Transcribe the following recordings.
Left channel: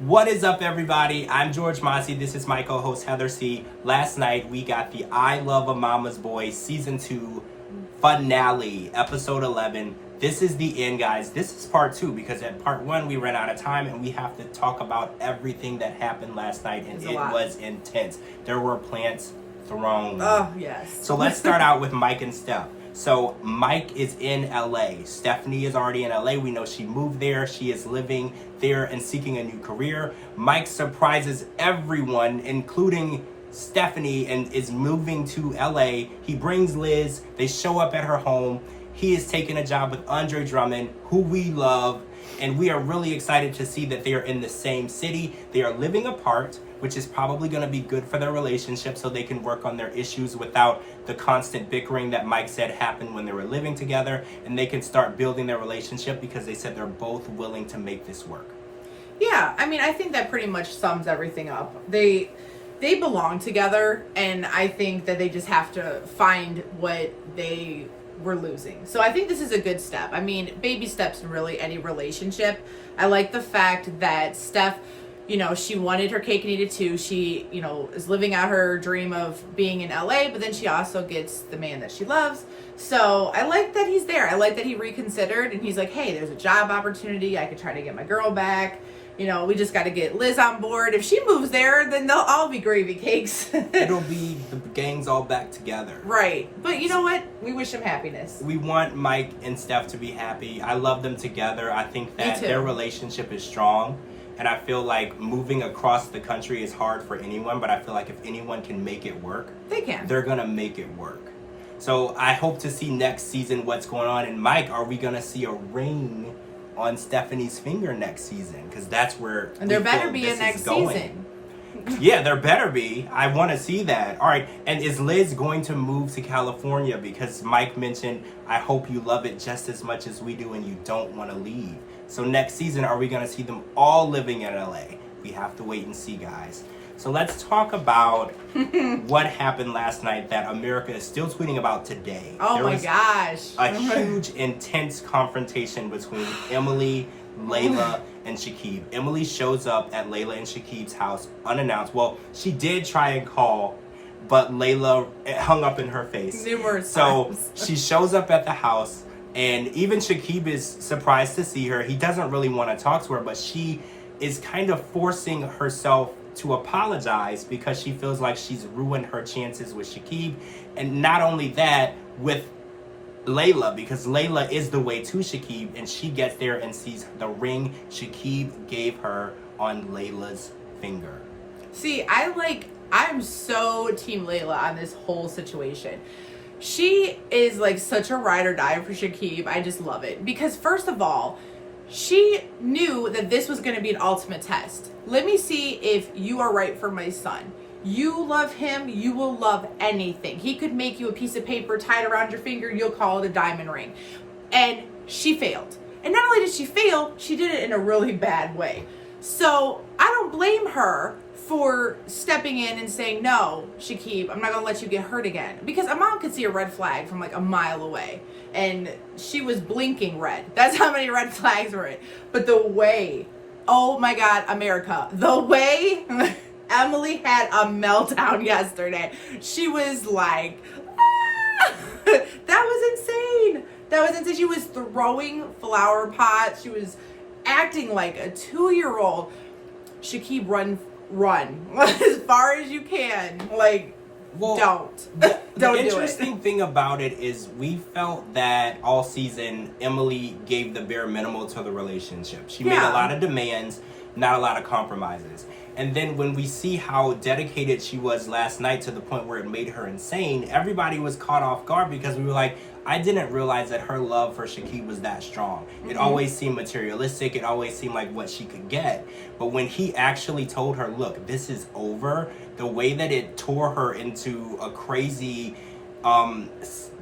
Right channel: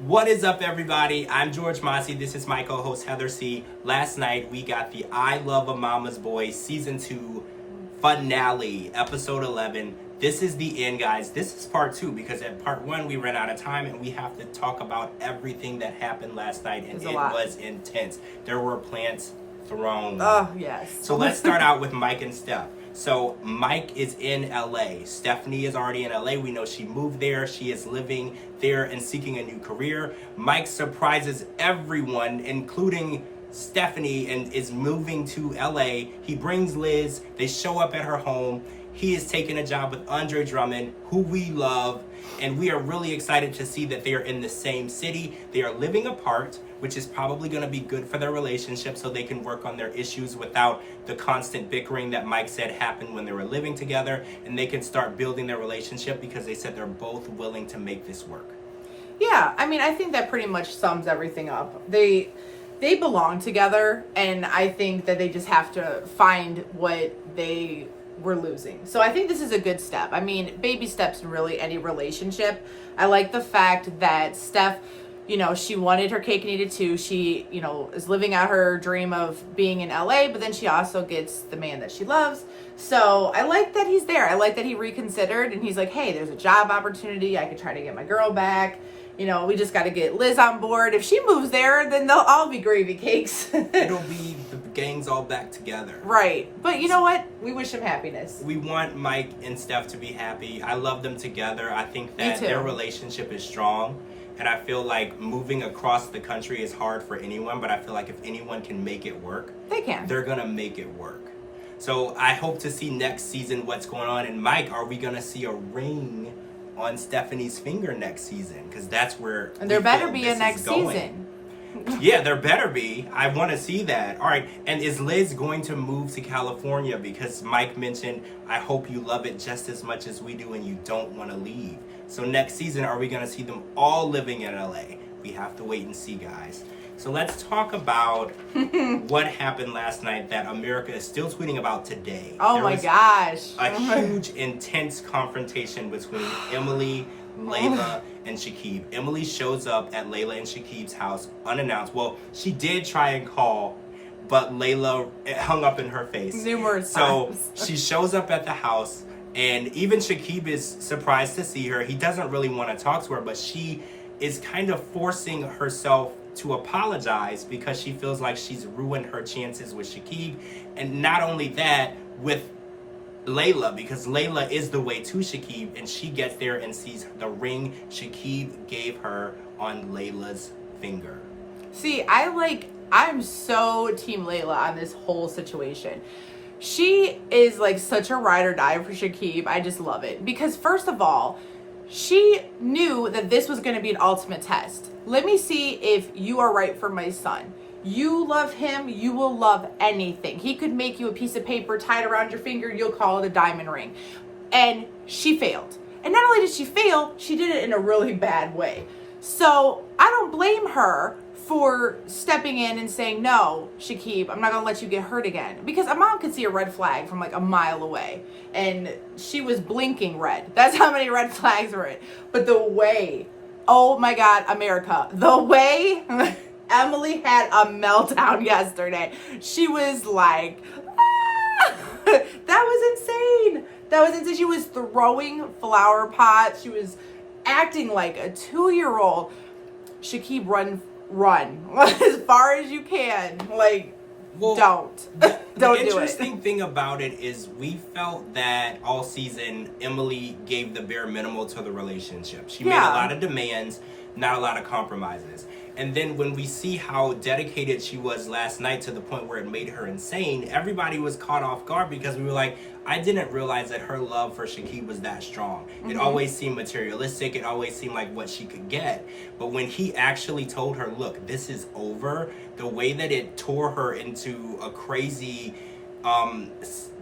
What is up, everybody? I'm George Mossey. This is my co-host Heather C. Last night we got the I Love a Mama's Boy Season 2 finale, Episode 11. This is the end, guys. This is part 2 because at part 1 we ran out of time and we have to talk about everything that happened last night, and it was intense. There were plants thrown. Oh, yes. So let's start out with Mike and Steph. So Mike is in LA. Stephanie is already in LA. We know she moved there. She is living there and seeking a new career. Mike surprises everyone, including Stephanie, and is moving to LA. He brings Liz. They show up at her home. He is taking a job with Andre Drummond, who we love, and we are really excited to see that they are in the same city. They are living apart, which is probably going to be good for their relationship so they can work on their issues without the constant bickering that Mike said happened when they were living together, and they can start building their relationship because they said they're both willing to make this work. Yeah, I mean, I think that pretty much sums everything up. They belong together, and I think that they just have to find what they were losing. So I think this is a good step. I mean, baby steps in really any relationship. I like the fact that Steph, she wanted her cake and eat it too. She, is living out her dream of being in LA, but then she also gets the man that she loves. So I like that he's there. I like that he reconsidered and he's like, hey, there's a job opportunity. I could try to get my girl back. We just got to get Liz on board. If she moves there, then they'll all be gravy cakes. It'll be the gang's all back together. Right. But you know what? We wish him happiness. We want Mike and Steph to be happy. I love them together. I think that their relationship is strong. And I feel like moving across the country is hard for anyone, but I feel like if anyone can make it work, they can. They're going to make it work. So I hope to see next season what's going on. And Mike, are we going to see a ring on Stephanie's finger next season? Because that's where there better be a next season. Yeah, there better be. I want to see that. All right. And is Liz going to move to California? Because Mike mentioned, I hope you love it just as much as we do and you don't want to leave. So next season, are we going to see them all living in LA? We have to wait and see, guys. So let's talk about what happened last night that America is still tweeting about today. Oh my gosh. A huge, intense confrontation between Emily, Layla, and Shakib. Emily shows up at Layla and Shakib's house unannounced. Well, she did try and call, but Layla hung up in her face. Numerous times. So she shows up at the house, and even Shakib is surprised to see her. He doesn't really want to talk to her, but she is kind of forcing herself to apologize because she feels like she's ruined her chances with Shakib. And not only that, with Layla, because Layla is the way to Shakib, and she gets there and sees the ring Shakib gave her on Layla's finger. See, I'm so team Layla on this whole situation. She is like such a ride or die for Shakib. I just love it. Because first of all, she knew that this was going to be an ultimate test. Let me see if you are right for my son. You love him, you will love anything. He could make you a piece of paper tied around your finger, you'll call it a diamond ring. And she failed. And not only did she fail, she did it in a really bad way. So I don't blame her for stepping in and saying, no, Shakib, I'm not going to let you get hurt again. Because a mom could see a red flag from like a mile away. And she was blinking red. That's how many red flags were it. But the way, oh my God, America, the way Emily had a meltdown yesterday. She was like, ah! That was insane. That was insane. She was throwing flower pots. She was acting like a 2-year-old. Shakib, run as far as you can. Like, don't. The Don't interesting thing about it is we felt that all season Emily gave the bare minimal to the relationship. She made a lot of demands, not a lot of compromises. And then when we see how dedicated she was last night to the point where it made her insane, everybody was caught off guard because we were like, I didn't realize that her love for Shakib was that strong. It always seemed materialistic. It always seemed like what she could get. But when he actually told her, look, this is over, the way that it tore her into a crazy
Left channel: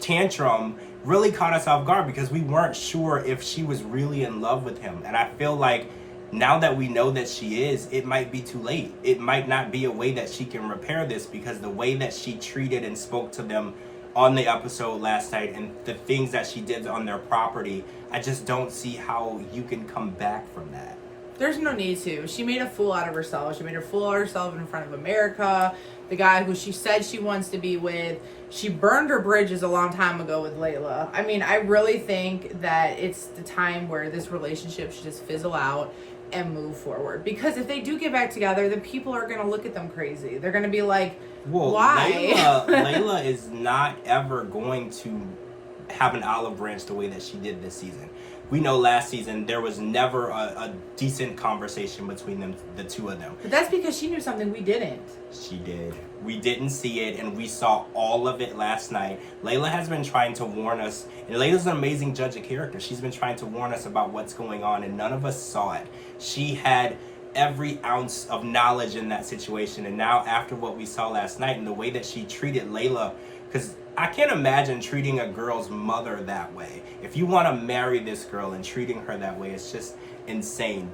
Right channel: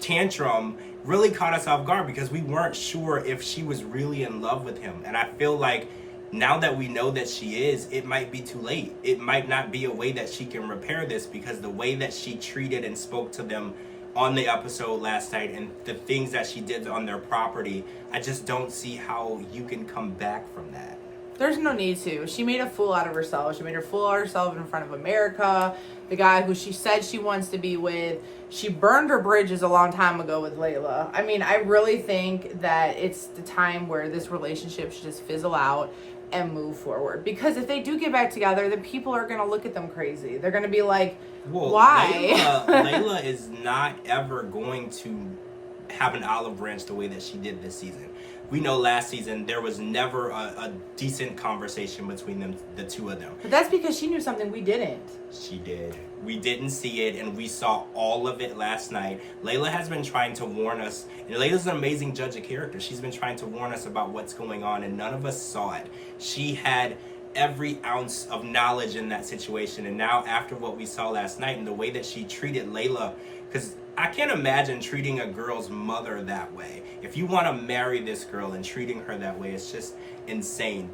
tantrum really caught us off guard because we weren't sure if she was really in love with him. And I feel like now that we know that she is, it might be too late. It might not be a way that she can repair this because the way that she treated and spoke to them on the episode last night and the things that she did on their property, I just don't see how you can come back from that. There's no need to. She made a fool out of herself. She made a fool out of herself in front of America. The guy who she said she wants to be with. She burned her bridges a long time ago with Layla. I mean, I really think that it's the time where this relationship should just fizzle out and move forward. Because if they do get back together, then people are going to look at them crazy. They're going to be like, well, why? Layla is not ever going to have an olive branch the way that she did this season. We know last season there was never a decent conversation between them, the two of them. But that's because she knew something we didn't. She did. We didn't see it, and we saw all of it last night. Layla has been trying to warn us, and Layla's an amazing judge of character. She's been trying to warn us about what's going on, and none of us saw it. She had every ounce of knowledge in that situation, and now after what we saw last night and the way that she treated Layla, because I can't imagine treating a girl's mother that way. If you want to marry this girl and treating her that way, it's just insane.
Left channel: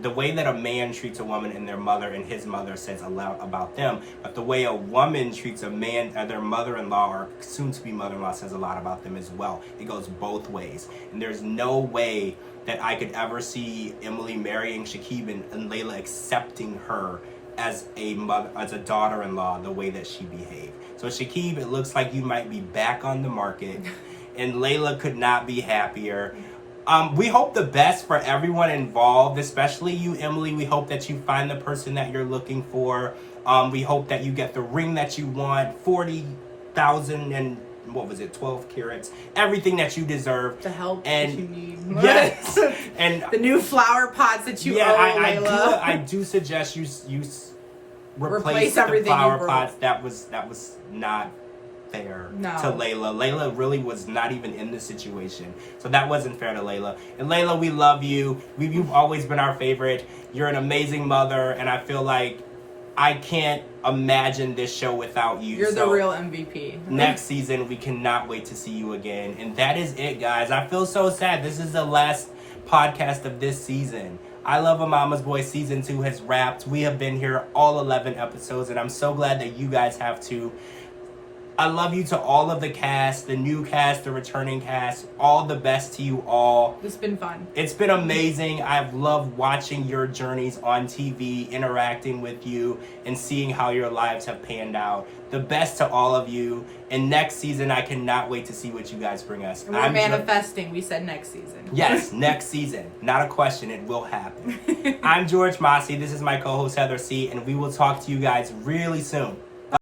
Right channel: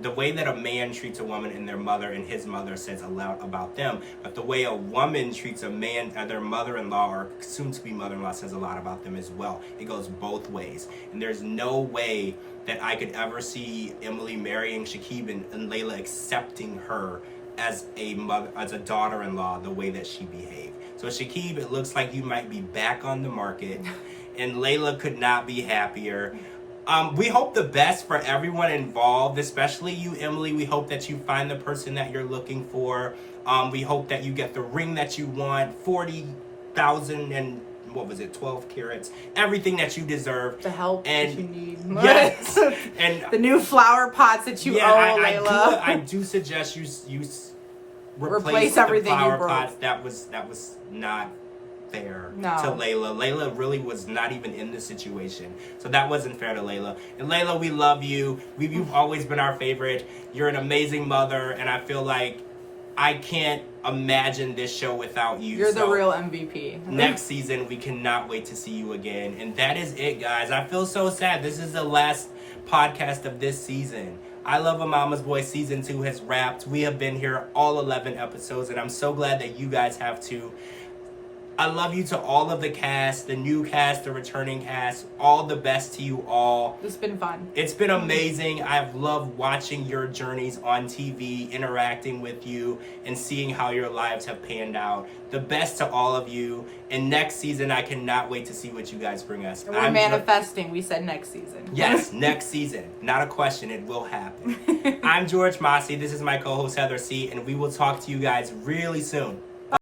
The way that a man treats a woman and their mother and his mother says a lot about them, but the way a woman treats a man, their mother-in-law or soon-to-be mother-in-law says a lot about them as well. It goes both ways. And there's no way that I could ever see Emily marrying Shakib and Layla accepting her as a mother, as a daughter-in-law, the way that she behaved. So Shakib, it looks like you might be back on the market, and Layla could not be happier. We hope the best for everyone involved, especially you, Emily. We hope that you find the person that you're looking for. We hope that you get the ring that you want, 40,000 and what was it, 12 carats, everything that you deserve. The help that you need. Yes. And the new flower pots that you owe, Layla. I do suggest you replace the everything flower you broke. pots. That was not fair No. to Layla. Layla really was not even in this situation. So that wasn't fair to Layla. And Layla, we love you. You've always been our favorite. You're an amazing mother, and I feel like I can't imagine this show without you. You're the real MVP. Next season, we cannot wait to see you again. And that is it, guys. I feel so sad. This is the last podcast of this season. I Love a Mama's Boy Season 2 has wrapped. We have been here all 11 episodes, and I'm so glad that you guys have too. I love you to all of the cast, the new cast, the returning cast. All the best to you all. It's been fun. It's been amazing. I've loved watching your journeys on TV, interacting with you, and seeing how your lives have panned out. The best to all of you. And next season, I cannot wait to see what you guys bring us. And we're manifesting. We said next season. Yes, next season. Not a question. It will happen. I'm George Mossey. This is my co-host, Heather C. And we will talk to you guys really soon.